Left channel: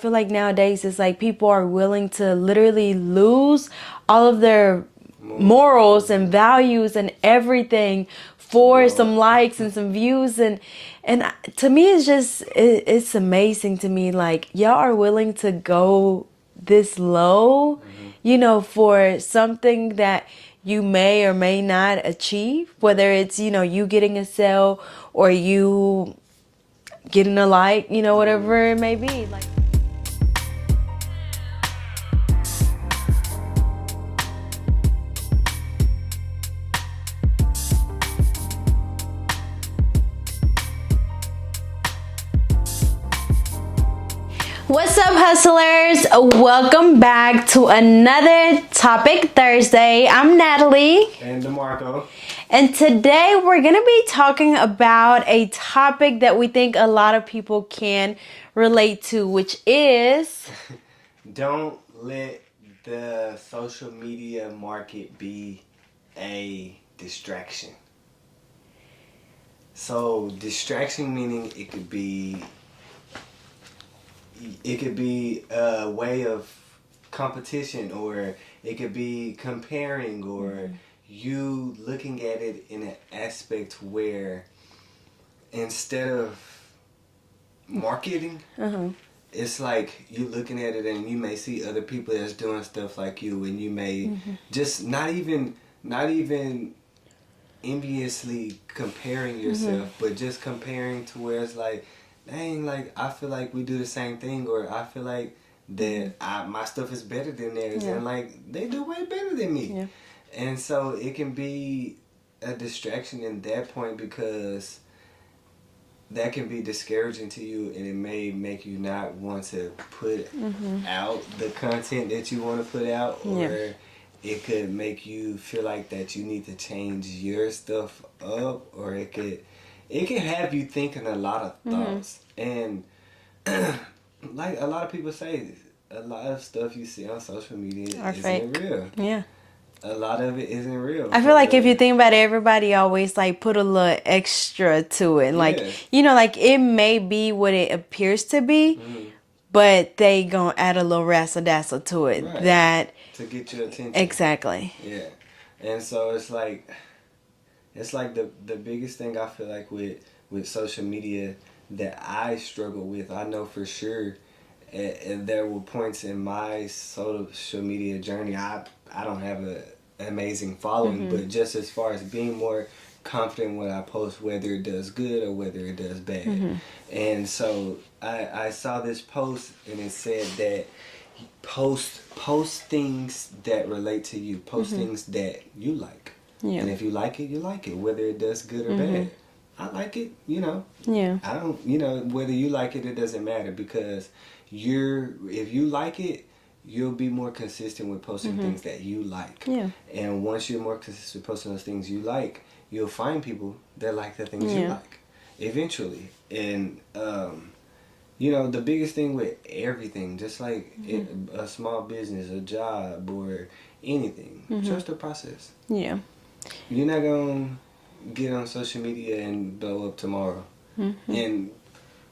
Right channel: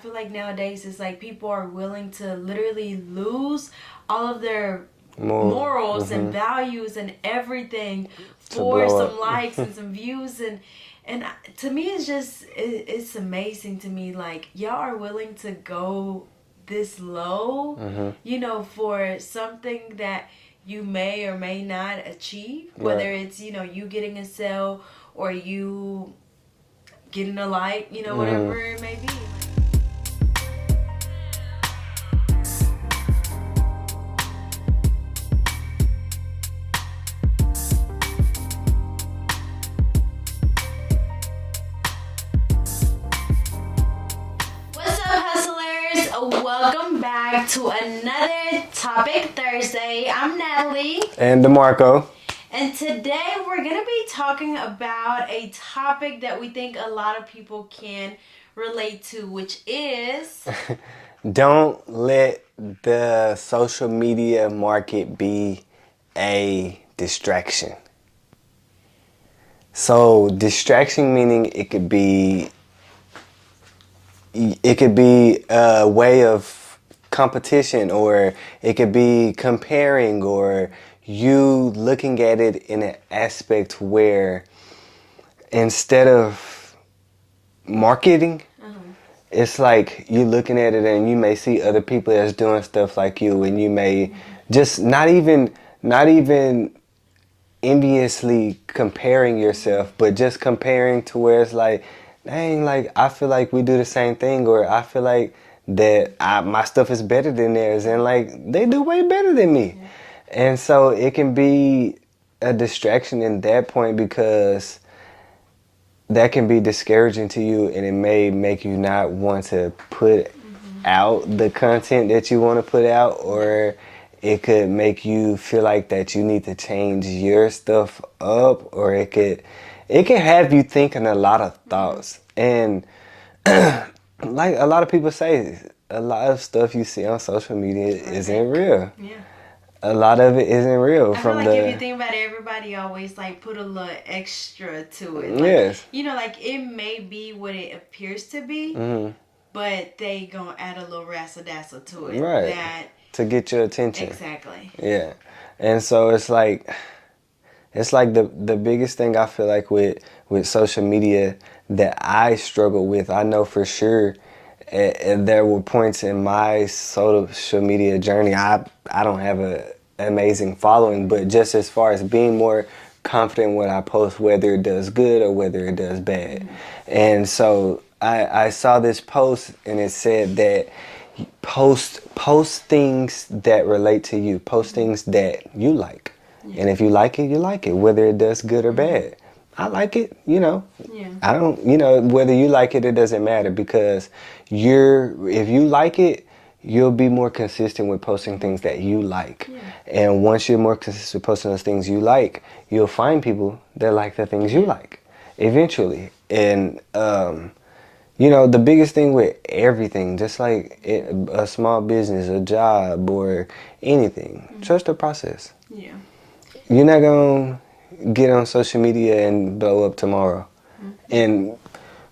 I feel like nowadays it's like people are willing to literally lose all of their morals and values and everything for some likes and some views, and to me it's just it's amazing to me, like y'all are willing to go this low, for something that you may or may not achieve, whether it's you getting a sale or you getting a like, whatever it may be. Like, what's up, hustlers? Welcome back to another Topic Thursday. I'm Natalie. And DeMarco. And today we're going to be talking about a topic that we think a lot of people can relate to, which is... Don't let the social media market be a distraction. So distraction meaning it could be a way of competition, or it could be comparing, or you looking at it in an aspect where instead of marketing, it's like you looking at it and you may see other people that's doing stuff like you, and you may just not even enviously comparing yourself, but just comparing to where it's like, dang, like I feel like we do the same thing, or I feel like that my stuff is better than theirs, and like they do way better than me. Yeah. And so it can be a distraction in that point, because that can be discouraging to you, and it may make you not want to put out the content that you want to put out, or it could make you feel like that you need to change your stuff up, or it could have you thinking a lot of thoughts. And like a lot of people say, a lot of stuff you see on social media isn't real. Yeah. A lot of it isn't real. I feel like if you think about it, everybody always like put a little extra to it. Like, like it may be what it appears to be, but they gonna add a little razzle-dazzle to it. Right. That to get your attention. Exactly. Yeah. And so it's like the biggest thing I feel like with social media that I struggle with, I know for sure, and there were points in my social media journey, I don't have an amazing following, but just as far as being more confident when I post, whether it does good or whether it does bad. And so I saw this post, and it said that post things that relate to you, post things that you like. Yeah. And if you like it, you like it, whether it does good or bad. I like it, Yeah. I don't, whether you like it doesn't matter, because if you like it, you'll be more consistent with posting things that you like. Yeah. And once you're more consistent with posting those things you like, you'll find people that like the things you like eventually. And, the biggest thing with everything, just like a small business, a job, or anything, trust the process. Yeah. You're not going to get on social media and blow up tomorrow. And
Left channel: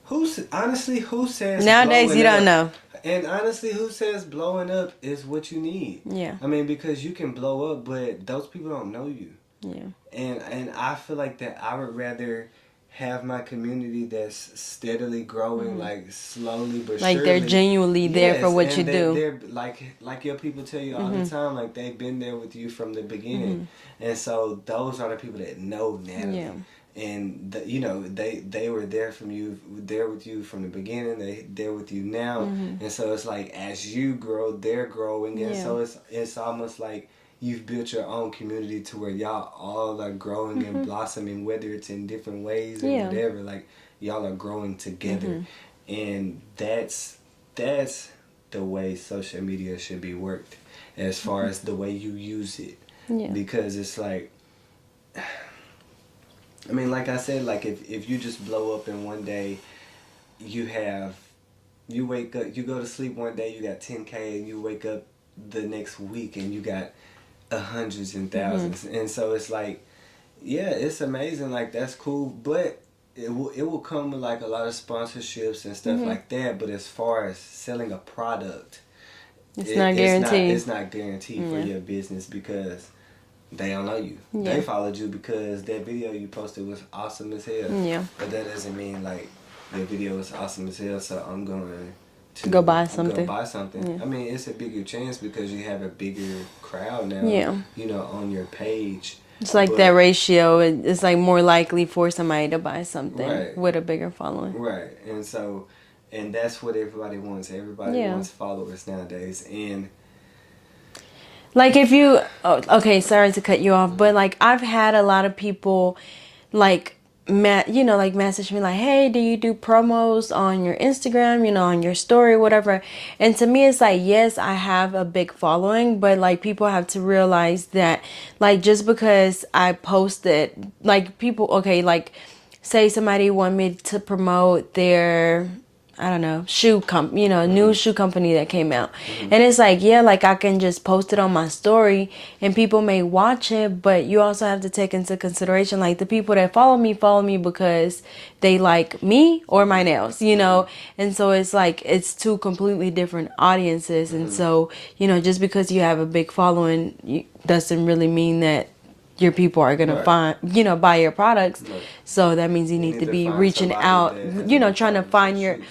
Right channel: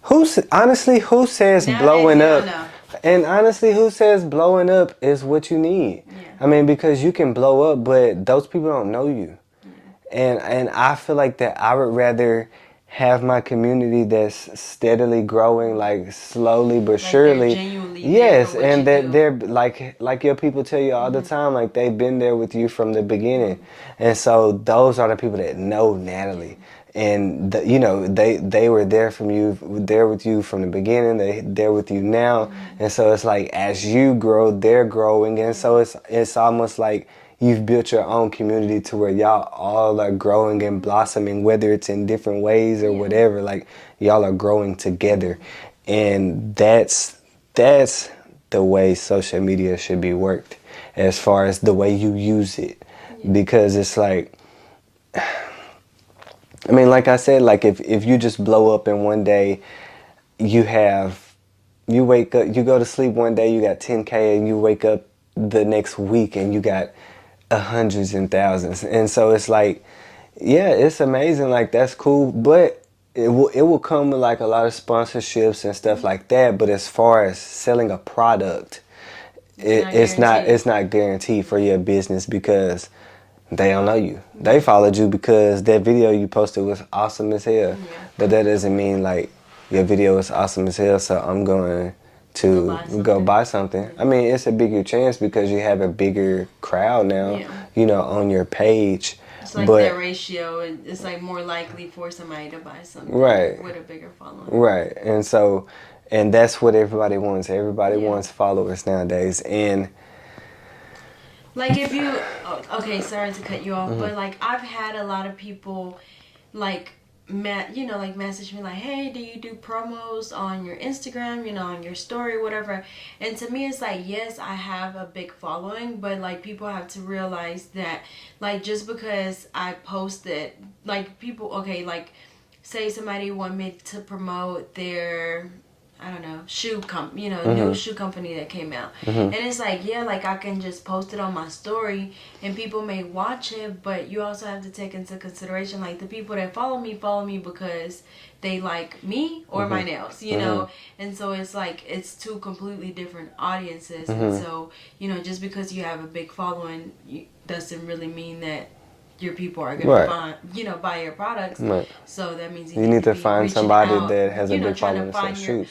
who says nowadays blowing you up? Don't know. And honestly, who says blowing up is what you need? Yeah. I mean, because you can blow up, but those people don't know you. Yeah. And I feel like that I would rather have my community that's steadily growing, like slowly but surely. Like they're genuinely there for what you do. Yes, and they're like your people tell you all the time, like they've been there with you from the beginning. And so those are the people that know Natalie. Yeah. And they were there with you from the beginning. They're there with you now. And so it's like as you grow, they're growing. And so it's almost like you've built your own community to where y'all all are growing and blossoming, whether it's in different ways or whatever. Like y'all are growing together. And that's the way social media should be worked, as far as the way you use it. Because it's like, I mean, like I said, like if you just blow up in one day, you wake up, you go to sleep one day, you got 10K, and you wake up the next week and you got hundreds and thousands. And so it's like, yeah, it's amazing. Like that's cool. But it will come with like a lot of sponsorships and stuff like that, but as far as selling a product, it's not guaranteed for your business because they don't know you. They followed you because that video you posted was awesome as hell. Yeah. But that doesn't mean like your video is awesome as hell, so I'm going to go buy something. I mean, it's a bigger chance because you have a bigger crowd now, on your page. It's like that ratio. It's like more likely for somebody to buy something with a bigger following. Right. And that's what everybody wants. Everybody wants followers nowadays. And like if you, okay, sorry to cut you off, but like I've had a lot of people like, like message me like, hey, do you do promos on your Instagram, on your story, whatever. And to me, it's like, yes, I have a big following, but like people have to realize that like just because I posted, like people, okay, like say somebody want me to promote their, I don't know, new shoe company that came out. And it's like, yeah, like I can just post it on my story and people may watch it, but you also have to take into consideration, like the people that follow me because they like me or my nails, And so it's like, it's two completely different audiences. And so, just because you have a big following doesn't really mean that your people are going to find, buy your products. Right. So that means you need to be reaching out, trying to find your,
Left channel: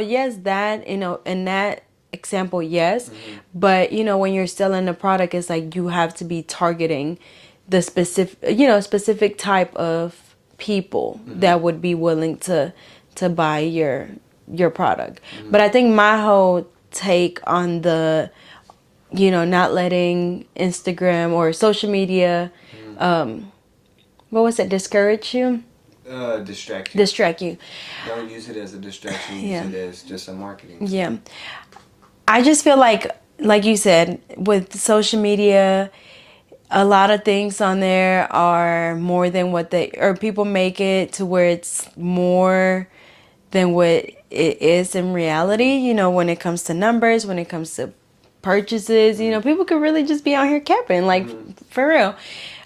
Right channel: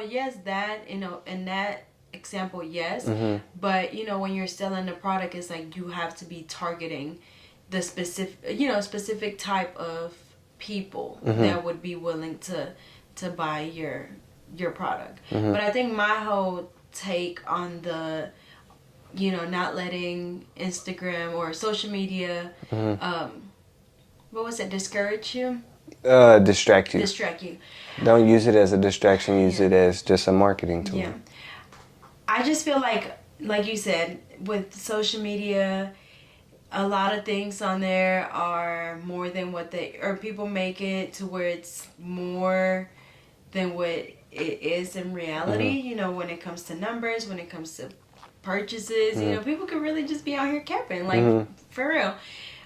yes, that, in that example, yes. But, when you're selling a product, it's like you have to be targeting the specific type of people that would be willing to buy your product. But I think my whole take on the, not letting Instagram or social media, discourage you? Distract you. Distract you. Don't use it as a distraction. Use it as just a marketing tool. Yeah. I just feel like you said, with social media, a lot of things on there are more than what people make it to where it's more than what it is in reality, when it comes to numbers, when it comes to purchases, people could really just be out here capping, like for real.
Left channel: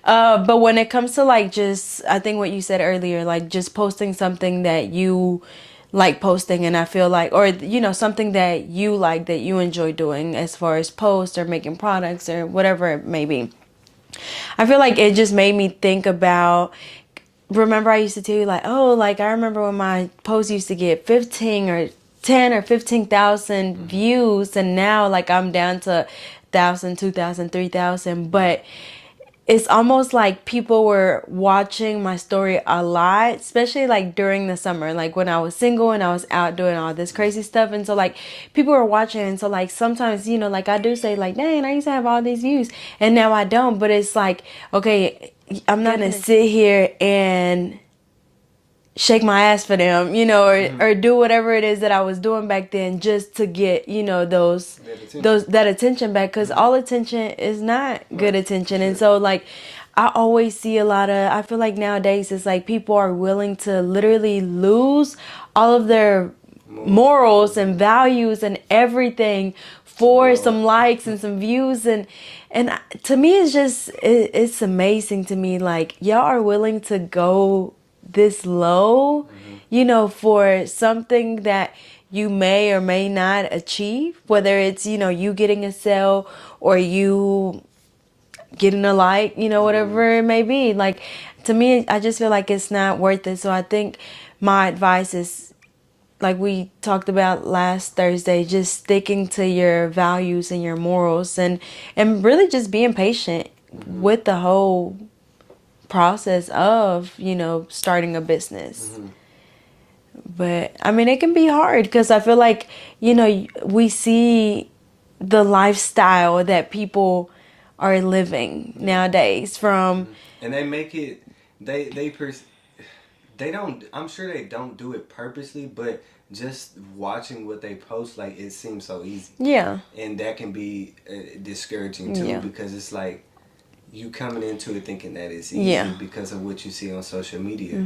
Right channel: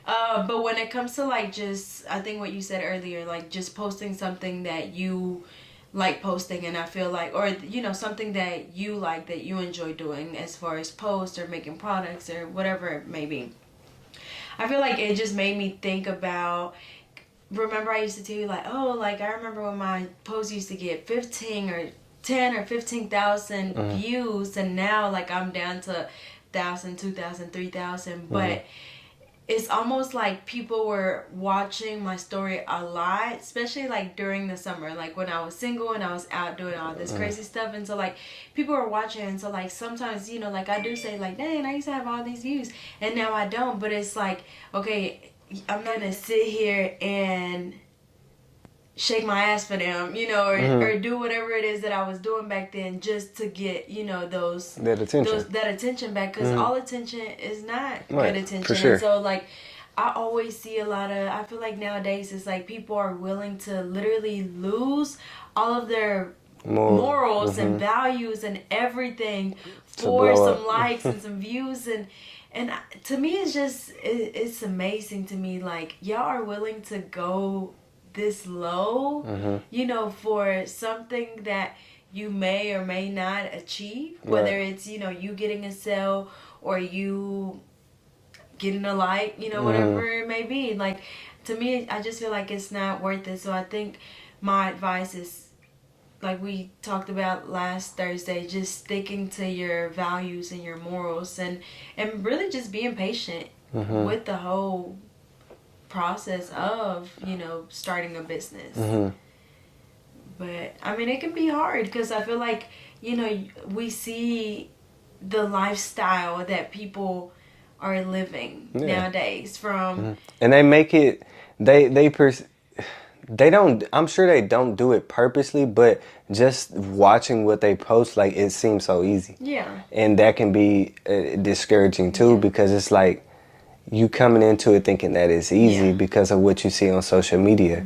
But when it comes to like just, I think what you said earlier, like just posting something that you like posting, and I feel like, or something that you like, that you enjoy doing as far as posts or making products or whatever it may be. I feel like it just made me think about, remember I used to tell you like, oh, like I remember when my posts used to get 15 or 10 or 15,000 views, and now like I'm down to 1,000, 2,000, 3,000. But it's almost like people were watching my story a lot, especially like during the summer, like when I was single and I was out doing all this crazy stuff. And so like people were watching, and so like sometimes, like I do say like, dang, I used to have all these views and now I don't. But it's like, okay, I'm not gonna sit here and shake my ass for them, or do whatever it is that I was doing back then just to get, that attention back, because all attention is not good attention. Sure. And so like I always see I feel like nowadays it's like people are willing to literally lose all of their morals and values and everything for some likes and some views, and to me it's amazing to me, like y'all are willing to go this low, for something that you may or may not achieve, whether it's, you getting a sale or you getting a like, whatever it may be. Like, to me, I just feel like it's not worth it. So I think my advice is, like we talked about last Thursday, just sticking to your values and your morals, and really just being patient with the whole process of starting a business. But I mean, it can be hard because I feel like we see the lifestyle that people are living nowadays from, and they make it they don't, I'm sure they don't do it purposely, but just watching what they post, like it seems so easy, and that can be discouraging too, because it's like you coming into it thinking that it's easy because of what you see on social media.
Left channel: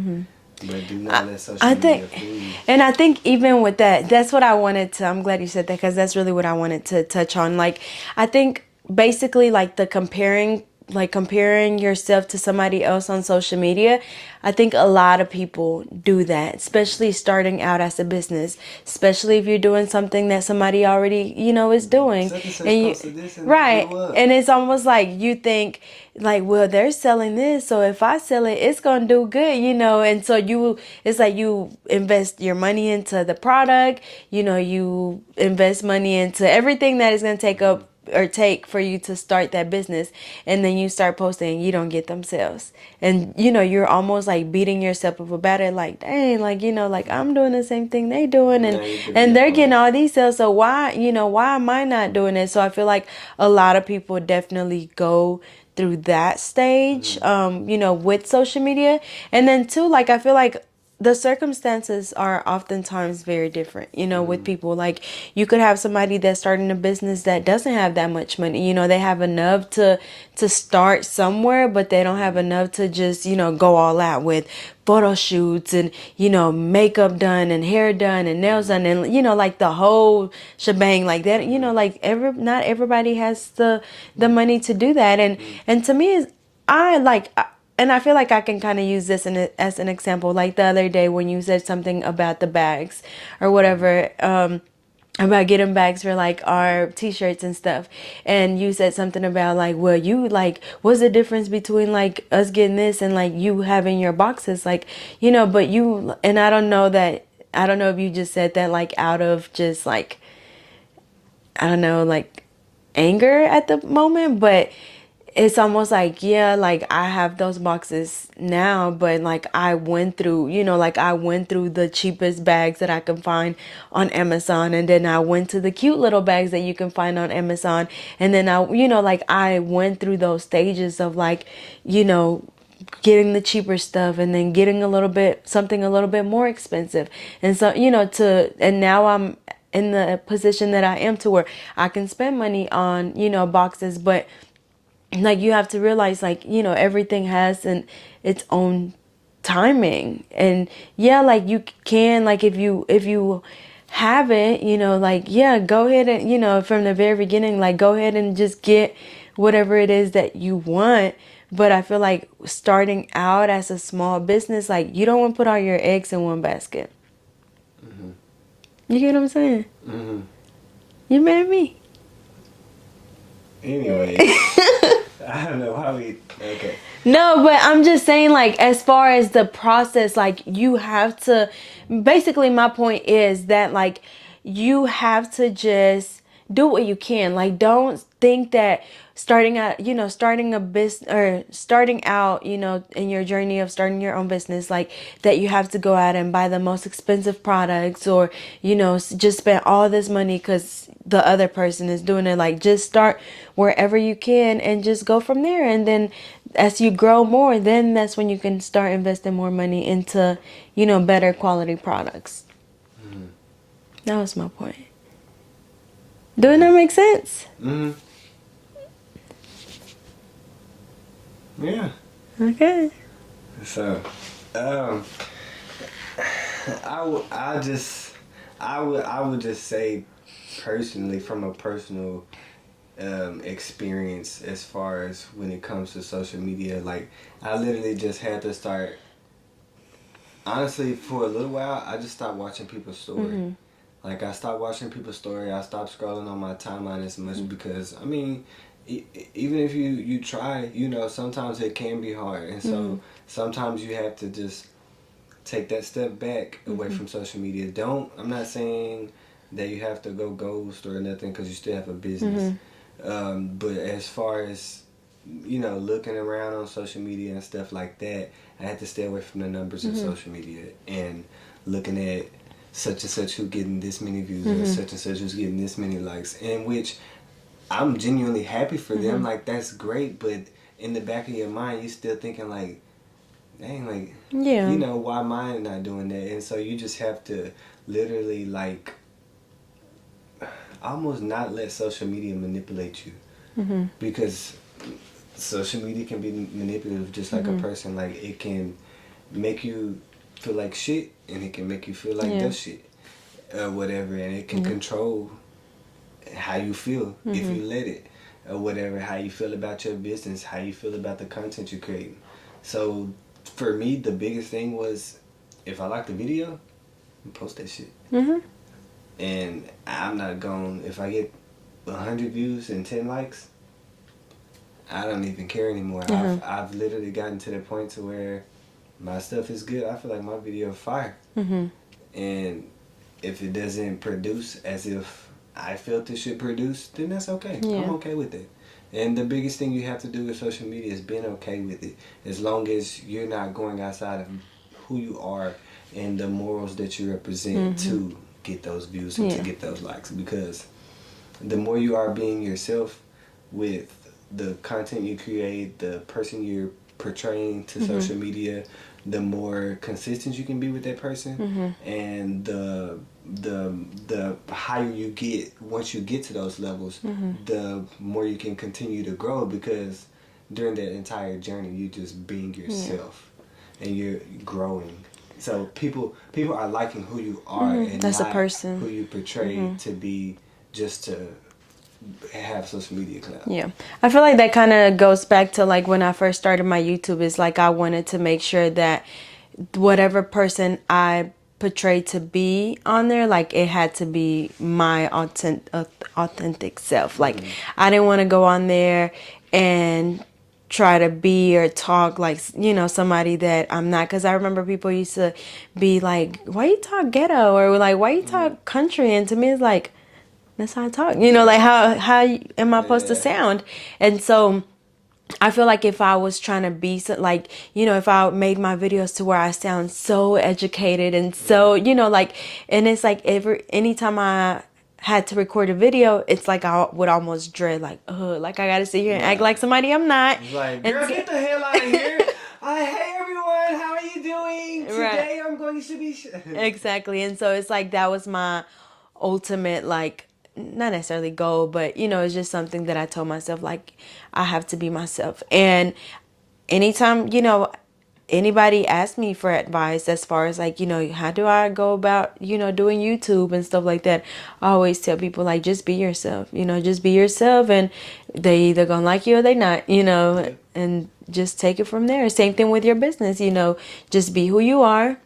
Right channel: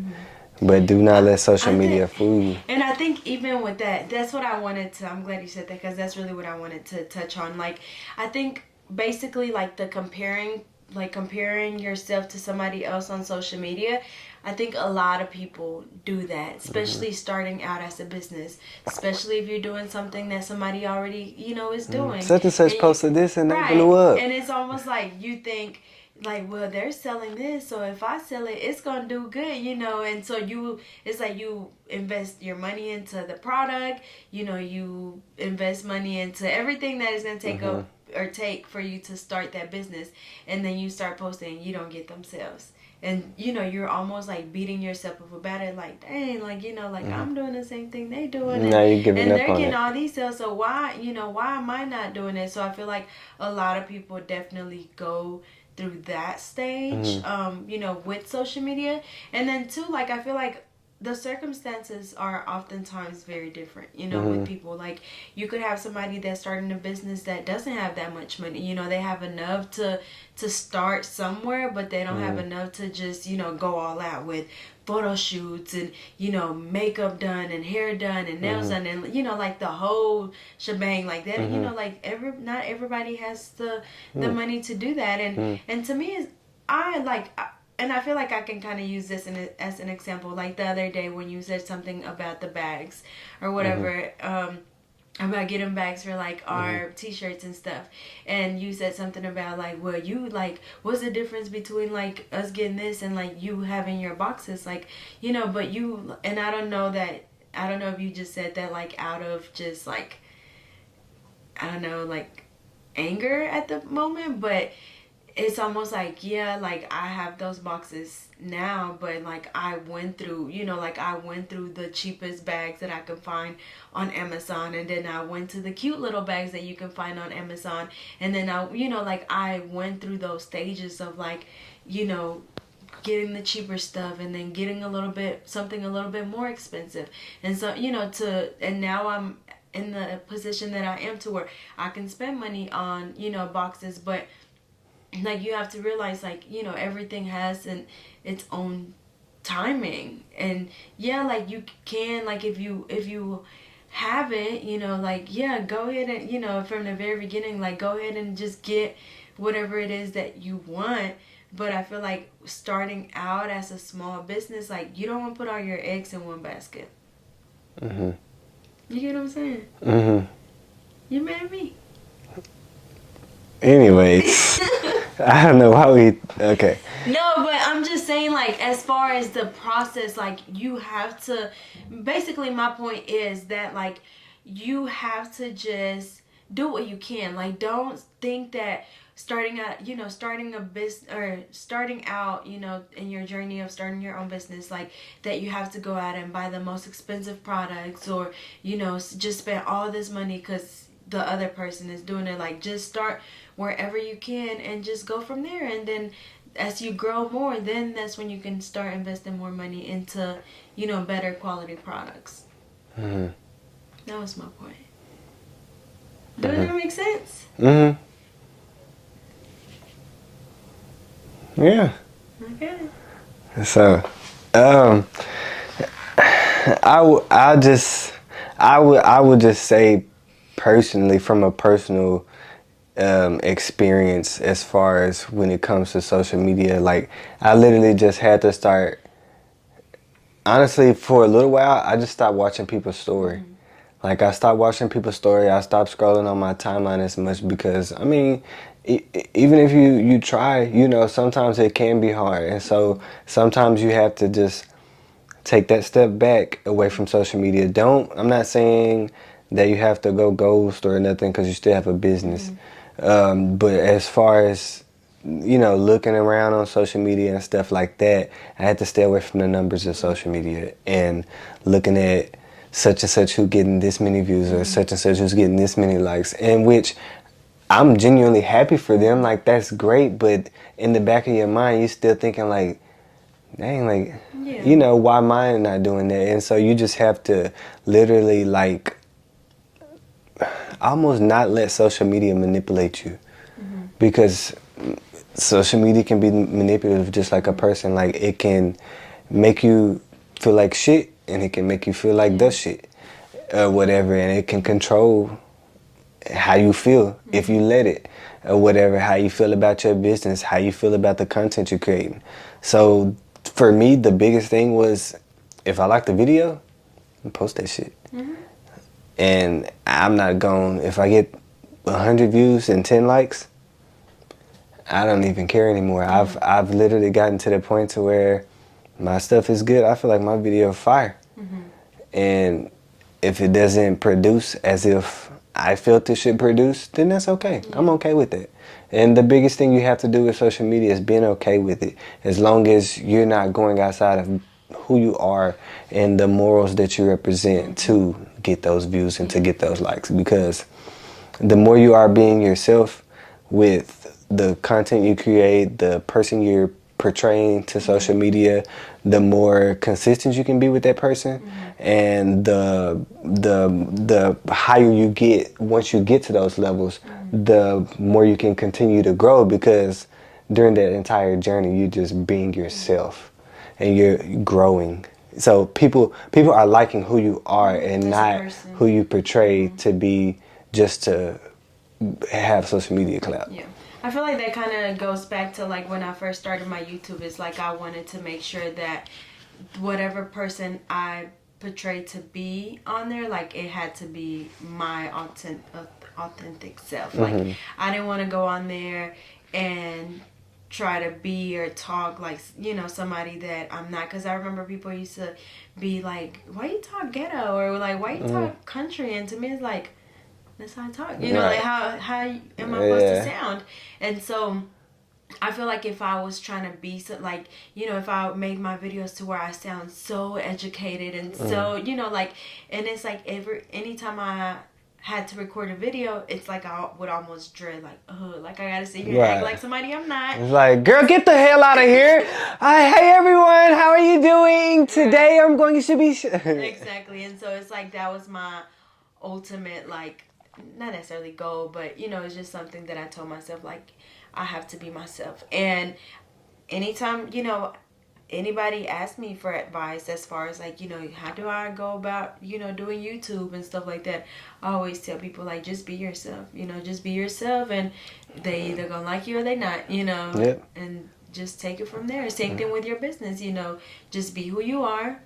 But do not let social media fool you. And I think even with that, that's what I wanted to, I'm glad you said that, because that's really what I wanted to touch on. Like, I think basically like the comparing like comparing yourself to somebody else on social media, I think a lot of people do that, especially starting out as a business, especially if you're doing something that somebody already, is doing. Such and such posted this and it right. blew up. And it's almost like you think like, well, they're selling this, so if I sell it, it's gonna do good, and so it's like you invest your money into the product, you invest money into everything that is gonna take up or take for you to start that business, and then you start posting and you don't get them sales, and you're almost like beating yourself up about it, like, dang, like, like I'm doing the same thing they doing, and they're getting all these sales, so why am I not doing it? So I feel like a lot of people definitely go through that stage, with social media. And then too, like, I feel like the circumstances are oftentimes very different, with people. Like, you could have somebody that's starting a business that doesn't have that much money. They have enough to start somewhere, but they don't have enough to just, go all out with photo shoots and, makeup done and hair done and nails done and, like the whole shebang like that. Like not everybody has the money to do that. And to me, and I feel like I can kind of use this as an example. Like the other day when you said something about the bags or whatever, about getting bags for like our t-shirts and stuff, and you said something about like, well, you like, what's the difference between like us getting this and like you having your boxes, like, but you, and I don't know if you just said that like out of just like, I don't know, like anger at the moment, but it's almost like, yeah, like I have those boxes now, but like I went through, I went through the cheapest bags that I can find on Amazon, and then I went to the cute little bags that you can find on Amazon, and then I went through those stages of like, getting the cheaper stuff and then getting something a little bit more expensive, and so and now I'm in the position that I am to where I can spend money on boxes, but like you have to realize like everything has its own timing, and yeah, like you can, like if you have it, like, yeah, go ahead and from the very beginning, like go ahead and just get whatever it is that you want. But I feel like starting out as a small business, like you don't want to put all your eggs in one basket. You get what I'm saying? You mad at me? Anyways, I don't know why we. Okay. No, but I'm just saying, like, as far as the process, like, you have to. Basically, my point is that, like, you have to just do what you can. Like, don't think that starting out, starting a business or starting out, in your journey of starting your own business, like, that you have to go out and buy the most expensive products or, just spend all this money because the other person is doing it. Like, just start wherever you can and just go from there. And then as you grow more, then that's when you can start investing more money into, better quality products. That was my point. Doesn't that make sense? Yeah. Okay. So, I would just say personally, from a personal experience, as far as when it comes to social media, like I literally just had to start. Honestly, for a little while, I just stopped watching people's story. Like I stopped watching people's story. I stopped scrolling on my timeline as much because I mean, even if you try, sometimes it can be hard, and so sometimes you have to just take that step back away from social media. I'm not saying that you have to go ghost or nothing because you still have a business. But as far as, looking around on social media and stuff like that, I had to stay away from the numbers of social media and looking at such and such who getting this many views or such and such who's getting this many likes, in which I'm genuinely happy for them. Like, that's great. But in the back of your mind, you're still thinking like, dang, like, why am I not doing that? And so you just have to literally, like, almost not let social media manipulate you. Because social media can be manipulative just like a person. Like, it can make you feel like shit, and it can make you feel like the shit or whatever, and it can control how you feel if you let it, or whatever, how you feel about your business, how you feel about the content you're creating. So for me, the biggest thing was, if I like the video, post that shit. And I'm not going, if I get 100 views and 10 likes, I don't even care anymore. I've literally gotten to the point to where my stuff is good. I feel like my video is fire. And if it doesn't produce as if I felt it should produce, then that's okay. I'm okay with it. And the biggest thing you have to do with social media is being okay with it. As long as you're not going outside of who you are and the morals that you represent to get those views and to get those likes. Because the more you are being yourself with the content you create, the person you're portraying to social media, the more consistent you can be with that person, and the higher you get once you get to those levels, the more you can continue to grow, because during that entire journey you're just being yourself and you're growing. So people are liking who you are and not who you portray to be, just to have social media clout. Yeah, I feel like that kind of goes back to like when I first started my YouTube. Is like I wanted to make sure that whatever person I portrayed to be on there, like it had to be my authentic self. Like I didn't want to go on there and try to be or talk like, you know, somebody that I'm not. Because I remember people used to be like, why you talk ghetto, or like, why you talk country? And to me it's like, that's how I talk, you know, like how am I supposed to sound? And so I feel like if I was trying to be so, like, you know, if I made my videos to where I sound so educated and so, you know, like, and it's like anytime I had to record a video, it's like I would almost dread, like, oh, like I gotta sit here and act like somebody I'm not. It's like, girl, get the hell out of here. Hey everyone, how are you doing? Today I'm going to be... Exactly. And so it's like that was my ultimate, like, not necessarily goal, but you know, it's just something that I told myself, like, I have to be myself. And anytime, you know, anybody asks me for advice as far as like, you know, how do I go about, you know, doing YouTube and stuff like that, I always tell people, like, just be yourself, you know, just be yourself, and they either gonna like you or they not, you know, and just take it from there. Same thing with your business, you know, just be who you are.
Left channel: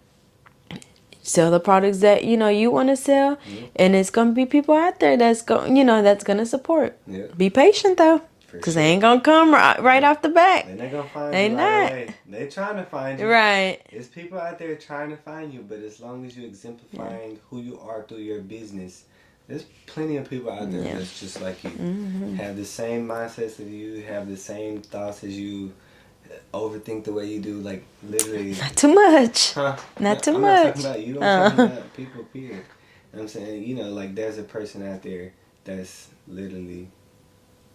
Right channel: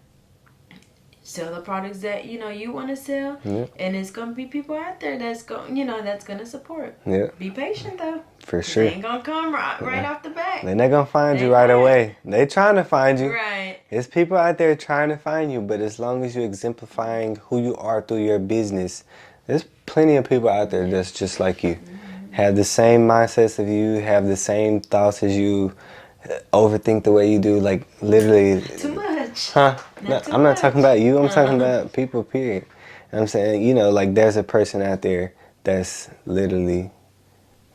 Sell the products that, you know, you want to sell, and it's going to be people out there that's going, you know, that's going to support. Be patient though. For Because sure. they ain't going to come right off the bat. And they're going to find you right away. They trying to find you. Right. There's people out there trying to find you, but as long as you're exemplifying who you are through your business, there's plenty of people out there that's just like you. Have the same mindsets of you, have the same thoughts as you, overthink the way you do, like literally. Not too much. Huh? Not too I'm much. not talking about you, I'm talking about people, period. And I'm saying, you know, like there's a person out there that's literally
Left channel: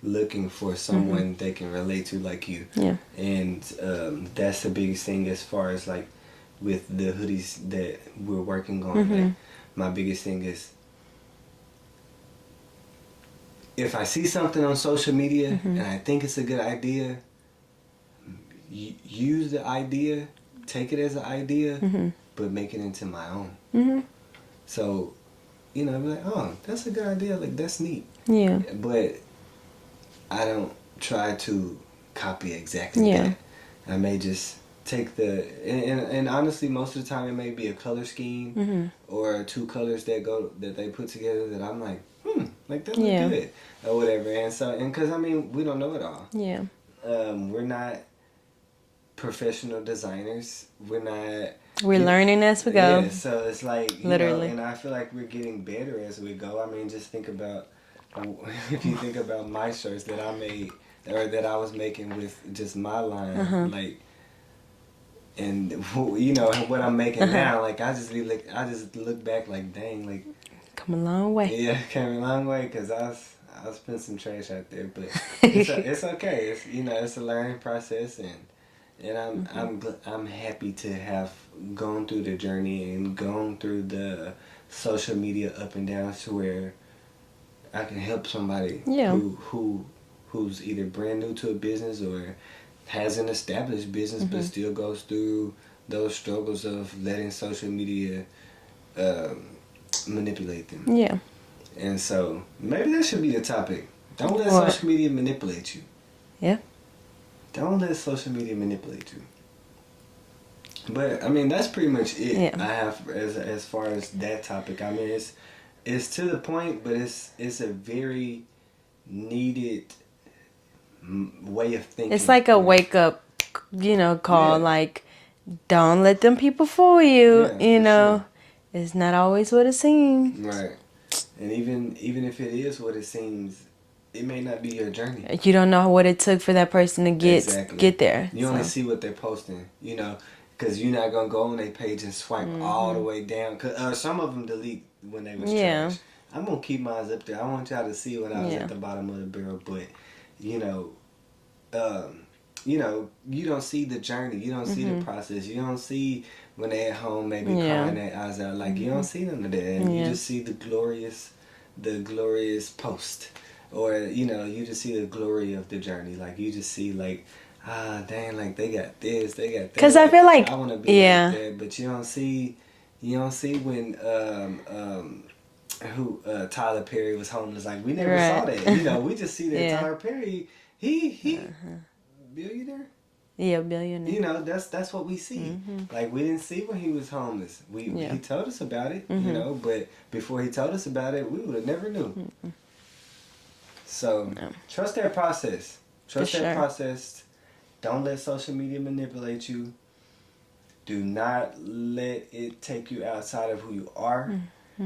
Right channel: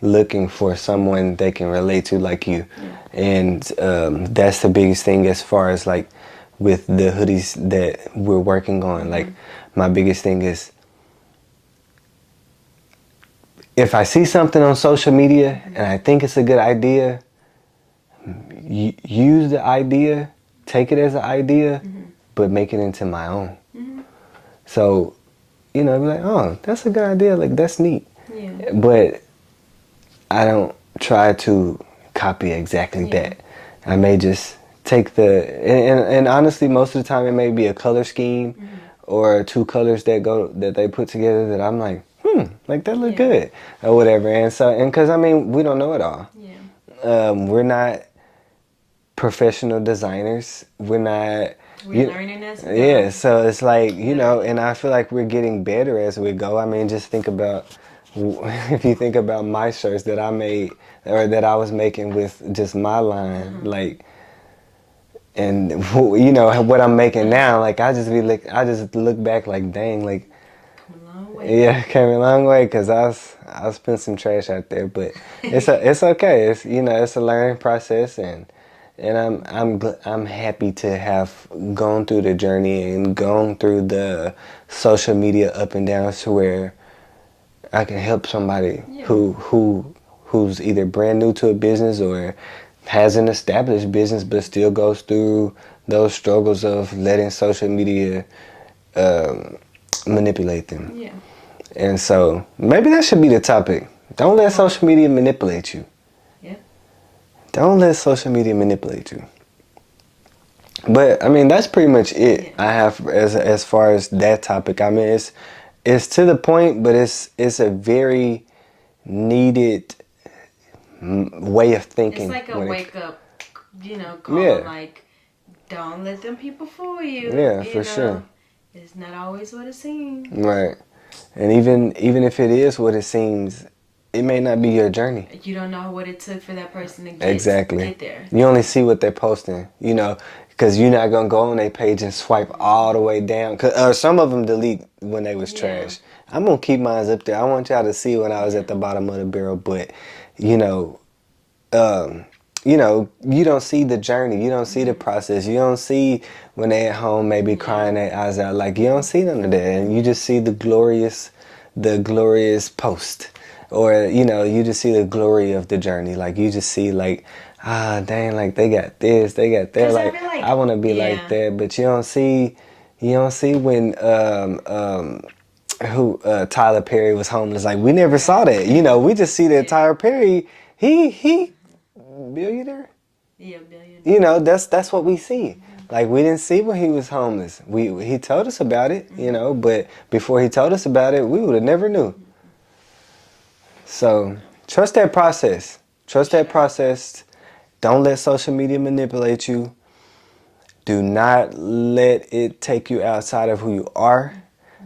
looking for someone they can relate to like you. And that's the biggest thing as far as like with the hoodies that we're working on. Like my biggest thing is, if I see something on social media and I think it's a good idea, use the idea, take it as an idea, but make it into my own. So, you know, be like, oh, that's a good idea, like that's neat. But I don't try to copy exactly that. I may just take and honestly, most of the time it may be a color scheme or two colors that they put together that I'm like, like that look good or whatever. And so, and because I mean, we don't know it all. We're not professional designers. We're learning as we go. Yeah, so it's like, you know, and I feel like we're getting better as we go. I mean, just think about, if you think about my shirts that I made or that I was making with just my line, like, and you know what I'm making now, like I just look back like, dang, like, come a long way. Yeah, came a long way, because I spent some trash out there, but it's okay. It's, you know, it's a learning process, and I'm happy to have gone through the journey and gone through the social media up and downs to where I can help somebody who's either brand new to a business or has an established business but still goes through those struggles of letting social media manipulate them. And so maybe that should be the topic. Don't let social media manipulate you. Yeah. Don't let social media manipulate you. But I mean, that's pretty much it. I have as far as that topic. I mean, it's to the point, but it's a very needed way of thinking. It's like a wake up, call. Like, don't let them people fool you. Yeah, you for know, sure. It's not always what it seems. Right. And even if it is what it seems, it may not be your journey. You don't know what it took for that person to get there. You only see what they're posting, because you're not going to go on their page and swipe all the way down. Or some of them delete when they was trash. I'm going to keep mine up there. I want y'all to see when I was at the bottom of the barrel. But, you don't see the journey. You don't see the process. You don't see when they're at home maybe crying their eyes out. Like, you don't see none of that. And you just see the glorious post. Or, you just see the glory of the journey. Like, you just see, like, dang, like, they got this, they got that. Because I feel like... I want to be like that. But you don't see when... Tyler Perry was homeless. Like, we never saw that. We just see that Tyler Perry, he billionaire. Yeah, billionaire. That's what we see. Like, we didn't see when he was homeless. He told us about it, but before he told us about it, we would have never knew. So trust that process. Trust that process. Don't let social media manipulate you. Do not let it take you outside of who you are.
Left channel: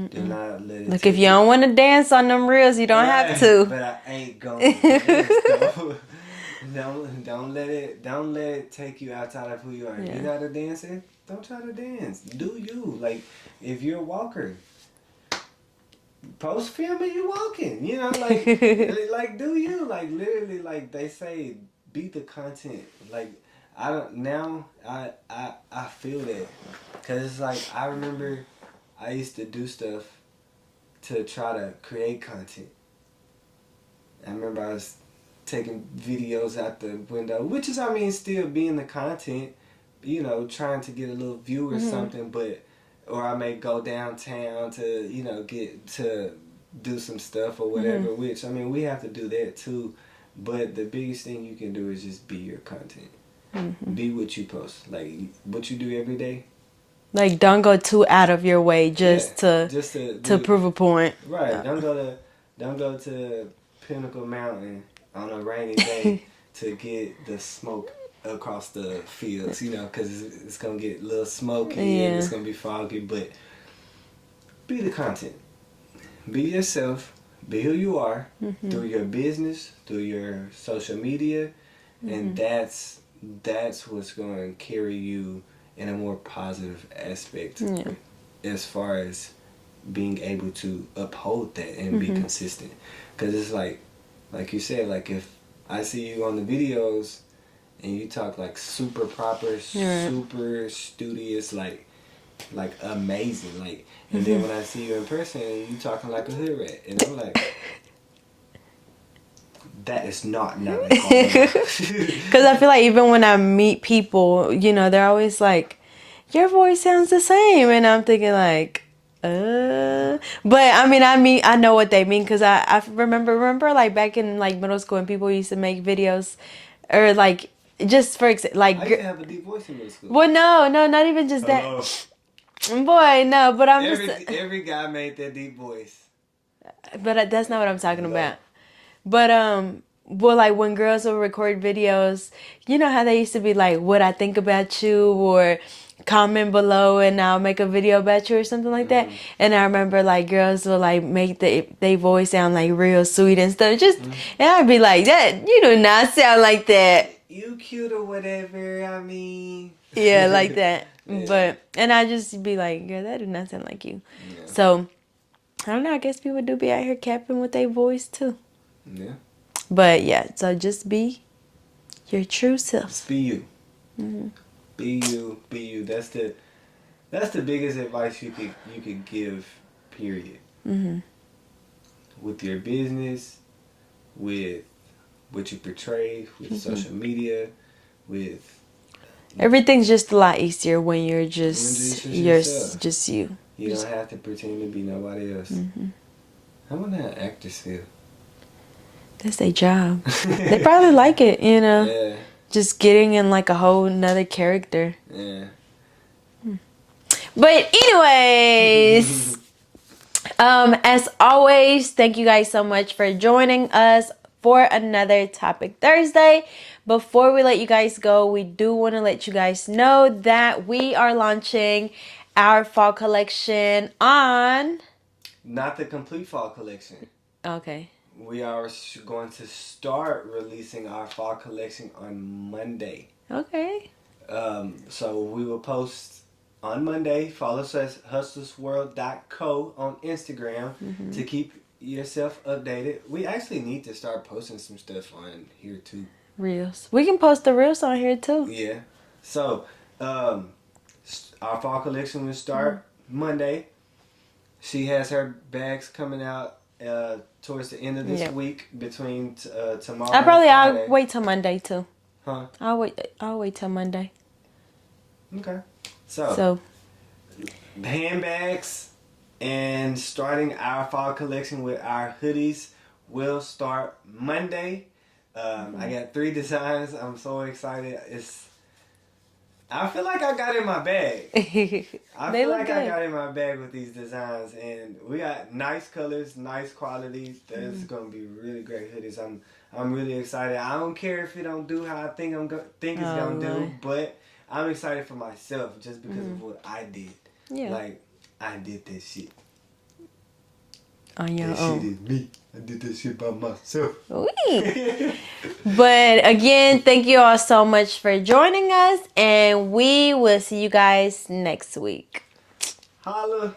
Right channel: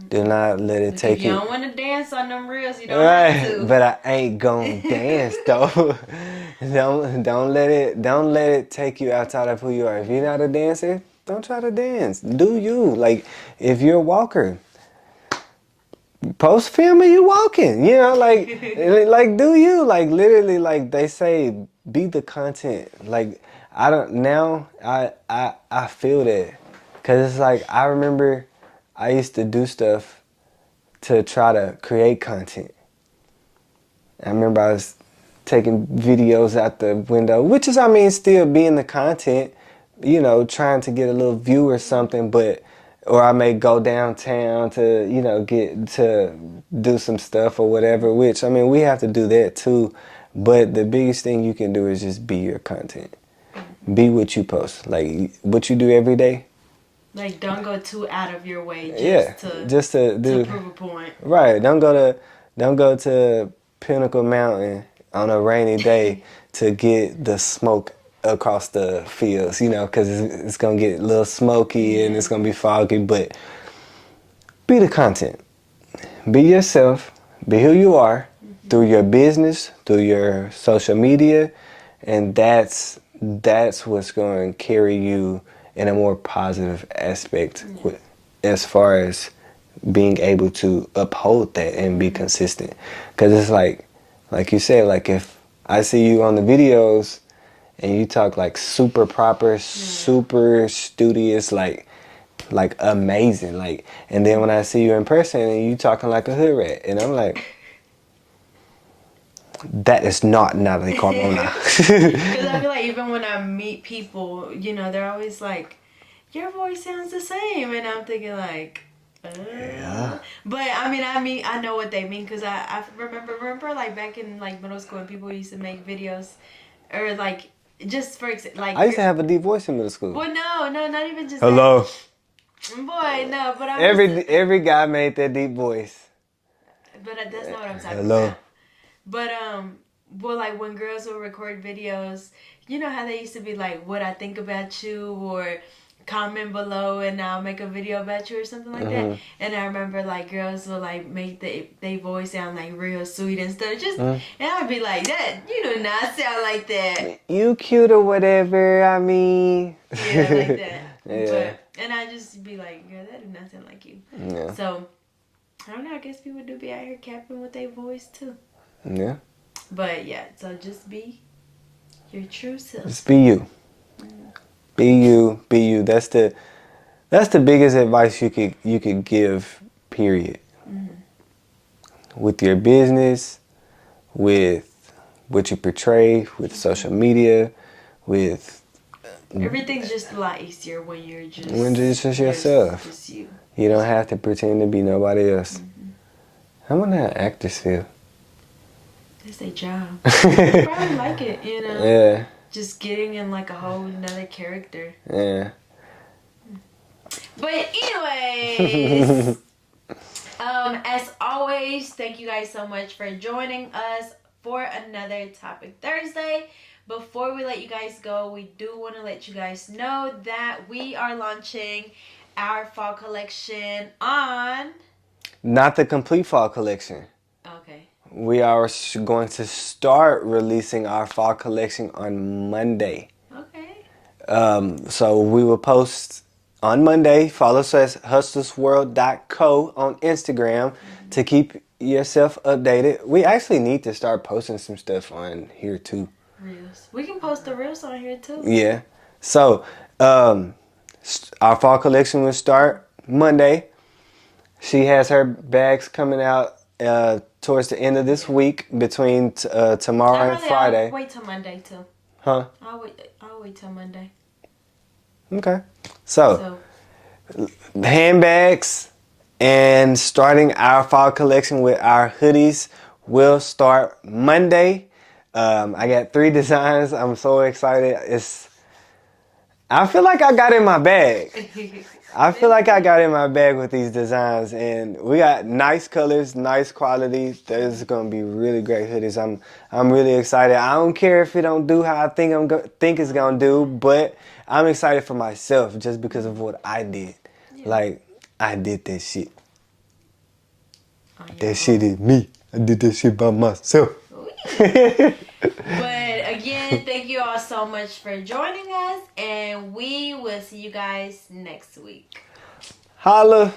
Do not let it take you... If you don't want to dance on them reels, you don't have to. But I ain't gonna dance though. Don't let it take you outside of who you are. If you're not a dancer, don't try to dance. Do you. Like, if you're a walker, post film of you walking. Like like do you. Like, literally, like they say, be the content. Like, I feel that. Cause it's like, I remember I used to do stuff to try to create content. I remember I was taking videos out the window, which is, still being the content, trying to get a little view or something, or I may go downtown to, get to do some stuff or whatever, which, we have to do that too. But the biggest thing you can do is just be your content. Be what you post. Like, what you do every day. Like, don't go too out of your way to prove a point. Right. Don't go to Pinnacle Mountain on a rainy day to get the smoke across the fields, because it's going to get a little smoky and it's going to be foggy. But be the content. Be yourself. Be who you are through your business, through your social media, and that's what's going to carry you in a more positive aspect as far as being able to uphold that and be consistent. Because it's like you said, like, if I see you on the videos and you talk like super proper, super studious, like amazing, like, and then when I see you in person and you talking like a hood rat, and I'm like, that is not Natali Carmona. Because I feel like even when I meet people, they're always like, your voice sounds the same. And I'm thinking like, But I know what they mean. Because I remember like back in like middle school when people used to make videos or like, just for like. I used to have a deep voice in middle school. Well, no, not even just Hello. that. Boy, no, but every guy made that deep voice. But that's not what I'm talking about. But well, like when girls will record videos, you know how they used to be like, what I think about you, or comment below and I'll make a video about you or something like that. And I remember like girls will like make they voice sound like real sweet and stuff. And I'd be like, that you do not sound like that. You cute or whatever, Yeah, like that. But and I just be like, girl, that do not sound like you. Yeah. So I don't know, I guess people do be out here capping with their voice too. Yeah. But yeah, so just be your true self. Just be you. Be you. Be you. That's the biggest advice you could give. Period. With your business, with what you portray, with social media, with everything's just a lot easier when you're just yourself. Just you. You don't have to pretend to be nobody else. I wonder how actors feel. That's their job. They probably like it, you know. Yeah. Just getting in like a whole nother character. Yeah. But anyways, as always, thank you guys so much for joining us for another Topic Thursday. Before we let you guys go, we do want to let you guys know that we are launching our fall collection on... Not the complete fall collection. Okay. We are going to start releasing our fall collection on Monday. Okay. So we will post on Monday. Follow us at hustlersworld.co on Instagram to keep yourself updated. We actually need to start posting some stuff on here too. Reels. We can post the reels on here too. Yeah. So our fall collection will start Monday. She has her bags coming out towards the end of this week between tomorrow and Friday. I'll wait till Monday too. Huh? I'll wait till Monday. Okay. So handbags and starting our fall collection with our hoodies will start Monday. I got 3 designs. I'm so excited. I feel like I got in my bag. I feel like I got in my bag with these designs, and we got nice colors, nice quality. There's gonna be really great hoodies. I'm really excited. I don't care if it don't do how I think it's gonna do, but I'm excited for myself just because of what I did. Yeah. Like I did that shit. That shit is me. I did that shit by myself. But again, thank you all so much for joining us, and we will see you guys next week. Holla.